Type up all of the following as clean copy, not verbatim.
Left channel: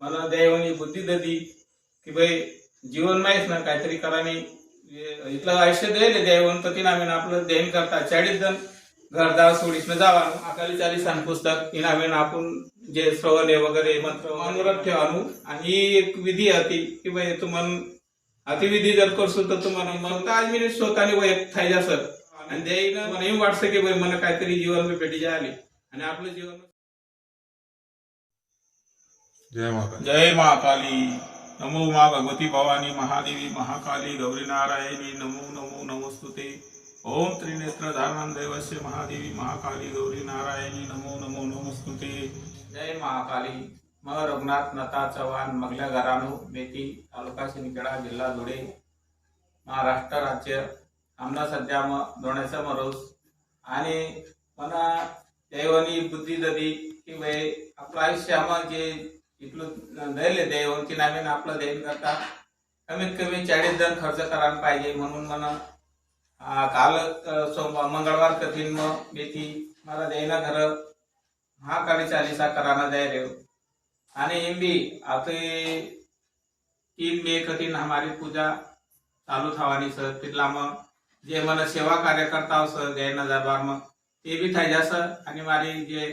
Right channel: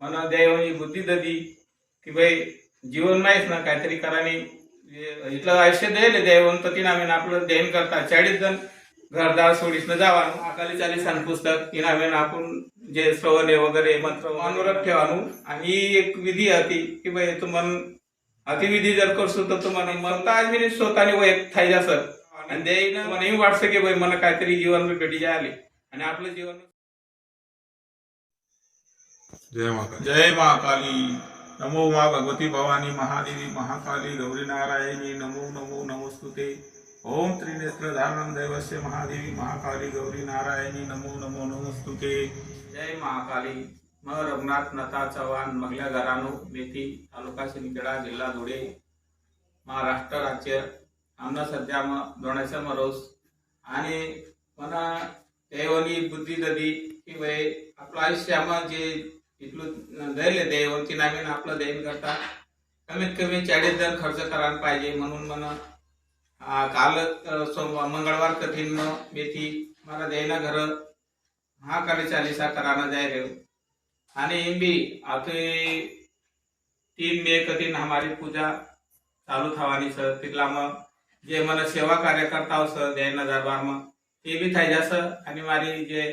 मला देवानी बुद्धी ददी की भाई जीवन माहीत ना काहीतरी कराने इथलं आयुष्य द्यायला देवन तर तिनामेन आपलं ध्यान करता 40 जण घरदार सोडीसनं जावानु अकाली 40 पुस्तक इनामेन आपण जे श्रवणे वगैरे मंत्र अनुराग ठेवानु आणि ही एक विधी होती की भाई तुमन अतिविधी जर करसो तर तुम्हाला म्हणता आज मी स्वतःने वैयक्तिक थाई जासर आणि देईन मला वाटतं की भाई मला काहीतरी जीवन में भेटी जायले आणि आपलं जीवन जय महाकाली नमो माँ भगवती भवानी महादेवी महाकाली गौरी नारायणी नमो नमो नमोस्तुते ओम त्रिनेत्र धारणं दैवस्य महादेवी महाकाली गौरी नारायणी नमो नमो नमोस्तुते। जय महाकाली मग रघुनाथ नता चव्हाण मगल्या घरानो मेथी तालुका सिंदखेडा जिल्हा धुळे महाराष्ट्र राज्य आमना सध्या मग दोण्याचा मरोस आणि मना देवनी बुद्धी ददी की भाई आपलं आयुष्यामा जे इथलं दैले देव की नामेन आपलं दैन करता कमीत कमी 40 जण खर्च करायला पाहिजे म्हणून मला काल सोमवार मंगळवार कठीण मग मेथी मला देना घर महाकाली 40 कराना जाय आणि भी आता 3 मे कठीण हमारी पूजा चालू थवानी सर तिथला मग जे मन सेवा कार्यकर्ता सर जैन दरबार मग ते भी थाई जास आणि मारी जे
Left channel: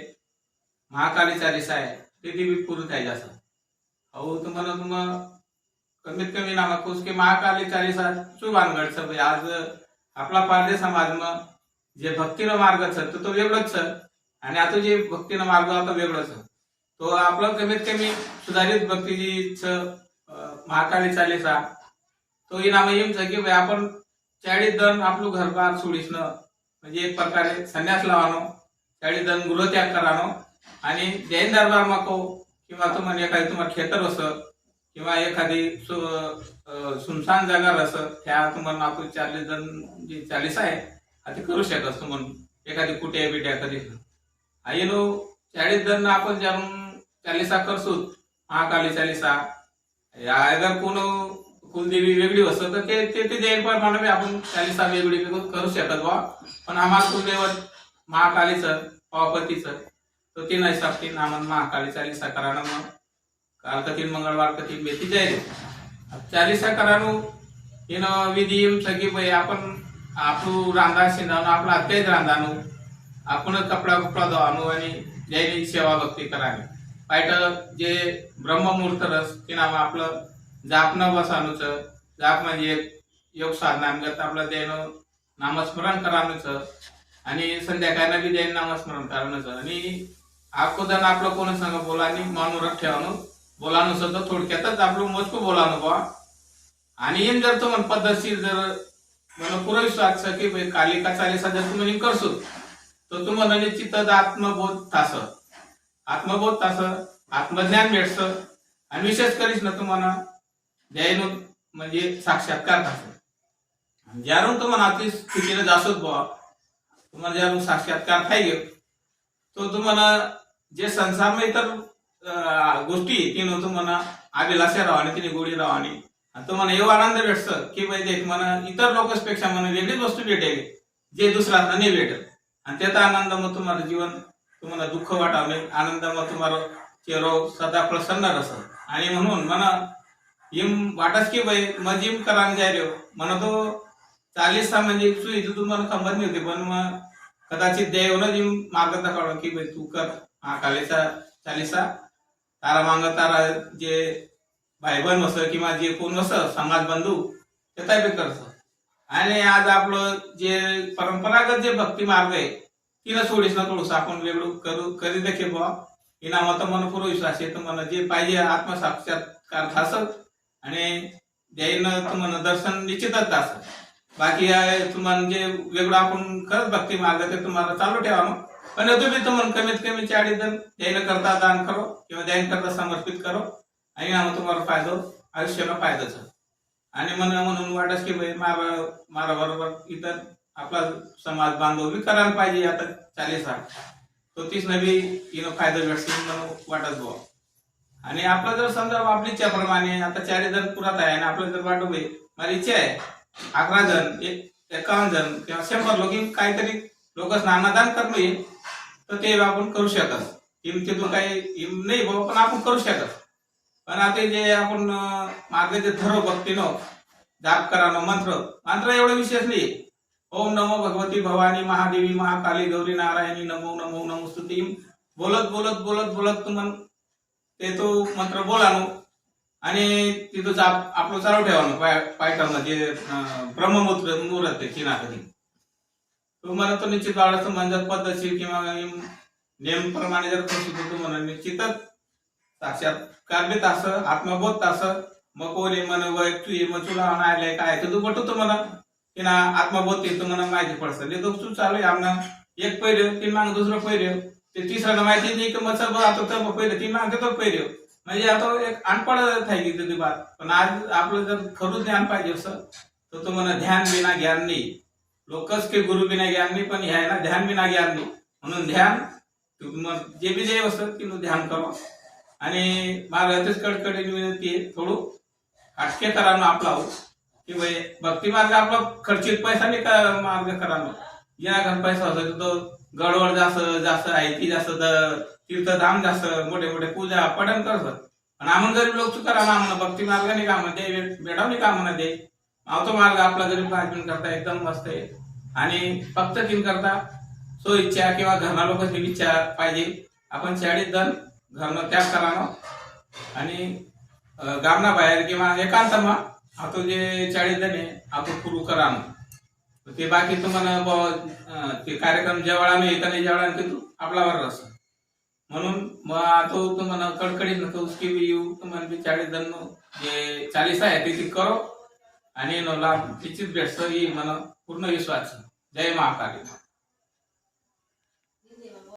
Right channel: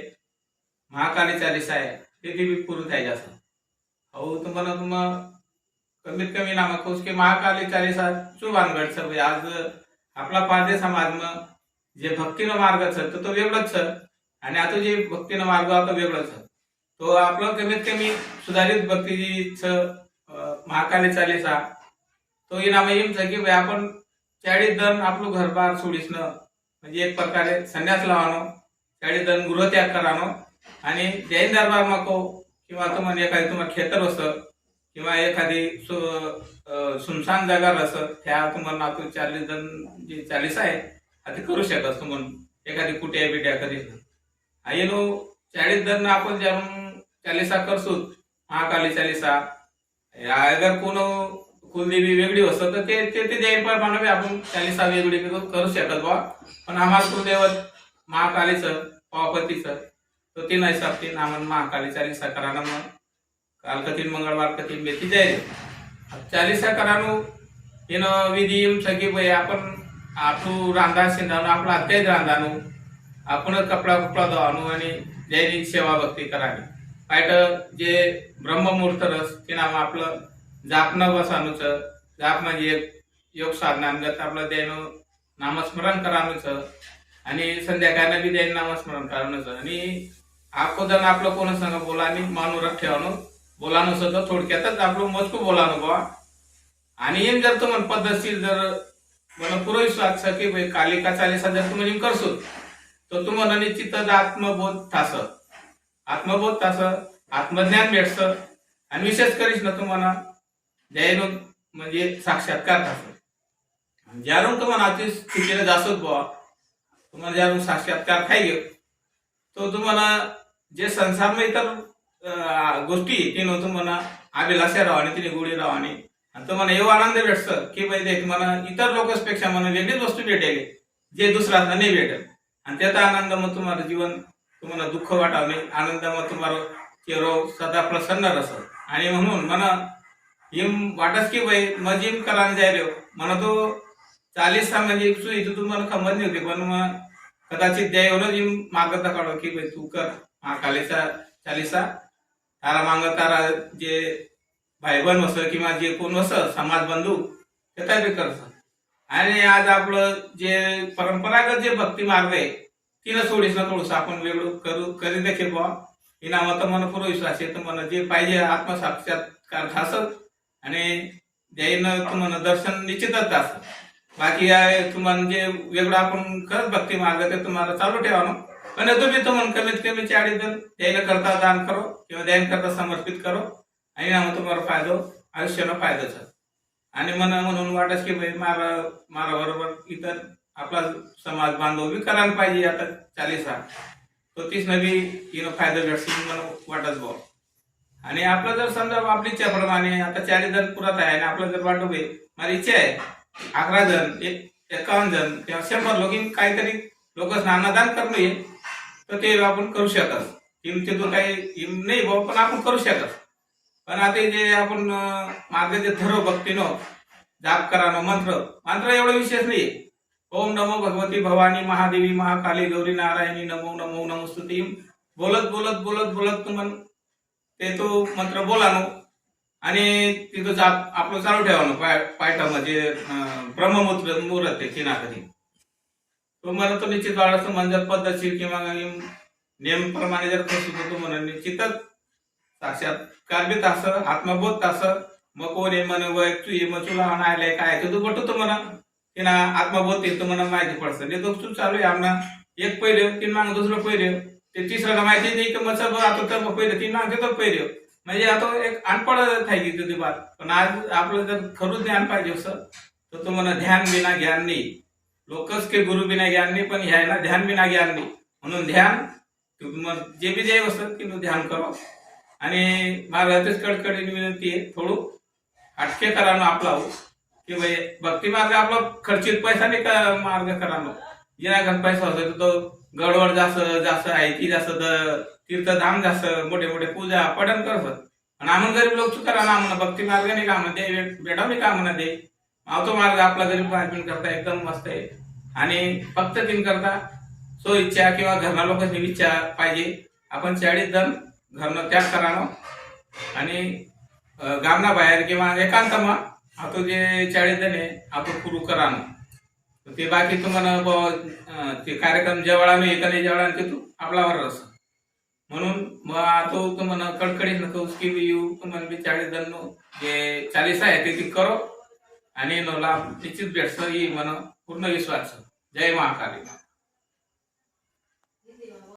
महाकाली 40 आहे ते भी पूर्ण थाई जास और तुम्हाला कमीत कमी नामाकोस के महाकाली 40 चू वानगड छ भाई आज आपला पारदे समाज मग जे भक्तीनं मार्ग छ तो वेगळंच छ आणि आता जे भक्तीनं मार्ग आता वेगळंच छ तो आपलं कमीत कमी सुधारित भक्ती छ महाकाली 40 तो इनाम येऊन छ की भाई आपण 40 जण आपलं घरबार सोडीसनं म्हणजे एक प्रकारे संन्यास लावानो 40 जण गृहत्याग करानो आणि जैन दरबार मको किंवा तुम्हाला एखादी तुम्हाला खेतर असं किंवा एखादी सुनसान जागा असं त्या तुम्हाला आपण 40 जण जे 40 आहे ते करू शकत तुम्हाला एखादी कुटे बिट्या कधी येनो 40 जण आपण जाऊन 40 करसू महाकाली 40 अगर कोण कुलदेवी वेगळी असतं तर ते जैन प्रमाणे आपण 40 वेगळी करू शकत बा पण आम्हाला कुलदेवत महाकालीचं पावपतीचं तो 3 हिसाब 3 आम्हाला महाकाली 40 कराना मग काल कठीण मंगळवार कठीण मेथी जाईल 40 करानो इन विधी सगळी भाई आपण आपलं रांधा शिंदानो आपला अत्याच रांधानो आपण कपडा धुवानो आणि दैनिक सेवा भक्ती करावी पायट जे ब्रह्ममुहूर्त रस ते नाम आपलं जापनं बसानूच जाप म्हणजे योग साधनांगत आपलं दैनो नामस्मरण करानूच आणि संध्याकाळनं बी दैन नामस्मरण करानूच आणि अगोदर आपलं कोण संग बोलानी मनोरथ ठेवानो बोलानो सगळं थोडक्यातच आपलं मजकू बोलानो बा आणि एम जर तो मन पद्धतशीर जर मन पुरोविश्वास की भाई कालिका 40 जर तुम्ही करसो तर तुम्हाला निश्चितच आत्मबोध तास आत्मज्ञान भेटस आणि विशेष करीस ना तुम्हाला जैन म्हणजे साक्षात्कार तास ज्यारून तुम्हाला अति स्थितीला जासत बा तुम्हाला ज्यारून साक्षात्कार खाई गे तो तुम्हाला जे संसारमा इतर गोष्टी तिनं तुम्हाला अभिलाषा राहणे तिने गोडी राहणे आणि तुम्हाला एवढा आनंद भेटतं की भाई देख मला इतर लोकांपेक्षा मला वेगळीच वस्तू भेटेल जे दुसरा नाही भेटेल आणि त्याचा आनंद मग तुम्हाला जीवन तुम्हाला दुःख वाटावं नाही आनंद मग तुम्हाला चेहरो सदा प्रसन्न रसत आणि म्हणून मला हिम वाटस की भाई मग जिम करायला जाय रे म्हणा तो 40 म्हणजे सुई तुम्हाला खंबत नाही होती पण मग कदाचित द्या येऊन जिम मार्ग दाखवलं की भाई तू कर महाकालीचा 40 तारा मांग तारा जे भाई बन वस किंवा जे कोण वस समाज बंधू ते काय बी करस आणि आज आपलं जे परंपरागत जे भक्ती मार्ग आहे तिला सोडीस ना थोडस आपण वेगळं करी देखील बा इनामात मन पूर्ण विश्वास आहे तुम्हाला जे पाहिजे आत्मसाक्षात्कार थासत आणि द्यायनं तुम्हाला दर्शन निश्चितच असत बाकी तुम्हाला जे वेगळं आपण करत भक्ती मार्ग ते तुम्हाला चालू ठेवा पण तुम्ही तुम्हाला कमीत कमी 40 जण द्यायला करता दान करो किंवा द्यायला करता समर्पित करो आणि तुम्हाला फायदा आयुष्याला फायदाच आणि म्हणून वाटस की भाई मारा बरोबर इतर आपला समाज बांधव बी करायला पाहिजे आता 40 तो 30 नवी फायदा भेटतील म्हणून वाटत भाऊ आणि आपलं जर समजा आपली इच्छाप्रमाणे आता 40 जण पुरात आहे आणि आपलं जर वाटू भाई माझी इच्छा आहे 11 जण 51 जण किंवा 100 लोक काहीतरी लोक स्नानदान करणं येईल तर ते आपण करू शकत हिमतीतून काही हिम नाही भाऊ पण आपण करू शकत पण आता जे आपण मागे जे ठरव भक्तीनं जाप करानो मंत्र एवढं विशेष नाही. ओम नमो भगवती भवानी महादेवी महाकाली गौरी नारायणी नमो नमो नमोस्तुती बोलत बोलत बोलत बोलत तुम्हाला ते तो मंत्र बोलानो आणि तिथं जाप आपलं चालू ठेवानो पायटानं जे ब्रह्ममुहूर्त आहे किनाकधी तो मला तो निश्चित वाढायचं म्हणजे पद्धतशीर किंवा नेमप्रमाणे जर तो म्हणा निश्चितच साक्षात्कार बी असं आत्मबोध असं मग कोणी म्हण वैयक्तिक मग तुला म्हणायला काय ते तू बटवतो म्हणा की ना आत्मबोध येतो म्हणा माहिती पडतं ते तो चालू आहे आमना एक पहिलं तीन माग दुसरं पहिलं ते तिसरं माहिती नाही की मग आता पहिलं तीन माग देतो पहिलं म्हणजे आता एक अनपड થાય की तुझी बात पण आज आपलं जर खरंच ज्ञान पाहिजे असं तर तो म्हणा ध्यान बिना ज्ञान नाही लोकच के गुरु बिना ज्ञान नाही पण ह्या ना ध्यान बिना ज्ञान नाही म्हणून ध्यान मग जे बी जे असत की ध्यान करो आणि माझं तेच कडकडीने विनंती आहे थोडं अटके करानो आपला की भाई भक्ती मार्ग आपला खर्चित पैसा नाही का मार्ग करानो जेना पैसा होतो तो गडवड जास्त आहे की जास्त तीर्थधाम जास्त मोठे मोठे पूजा पठण करतात आणि आम्ही गरीब लोक चुका आम्हाला भक्ती मार्ग नाही का म्हणते बेटाव नाही का म्हणा दे तो मार्ग आपला गरीब आदमी करता एकदम मस्त आहे आणि फक्त तीन करता सो इच्छा किंवा घरना लोकांची इच्छा पाहिजे आपण 40 जण घरनं त्याग करावं आणि गामना बाहेर किंवा एकांतमा आता जे 40 जण आहे आपण सुरू करावं ते बाकी तुम्हाला ते कार्यक्रम जेवढा नाही एका नाही जेवढा ते तू आपल्यावर असं म्हणून मग आता तुम्हाला कडकडीत नको उसकी भी येऊ तुम्हाला बी 40 जण जे 40 आहे ते करो आणि लाभ निश्चित भेटतं ही म्हणा पूर्ण विश्वास. जय महाकाली.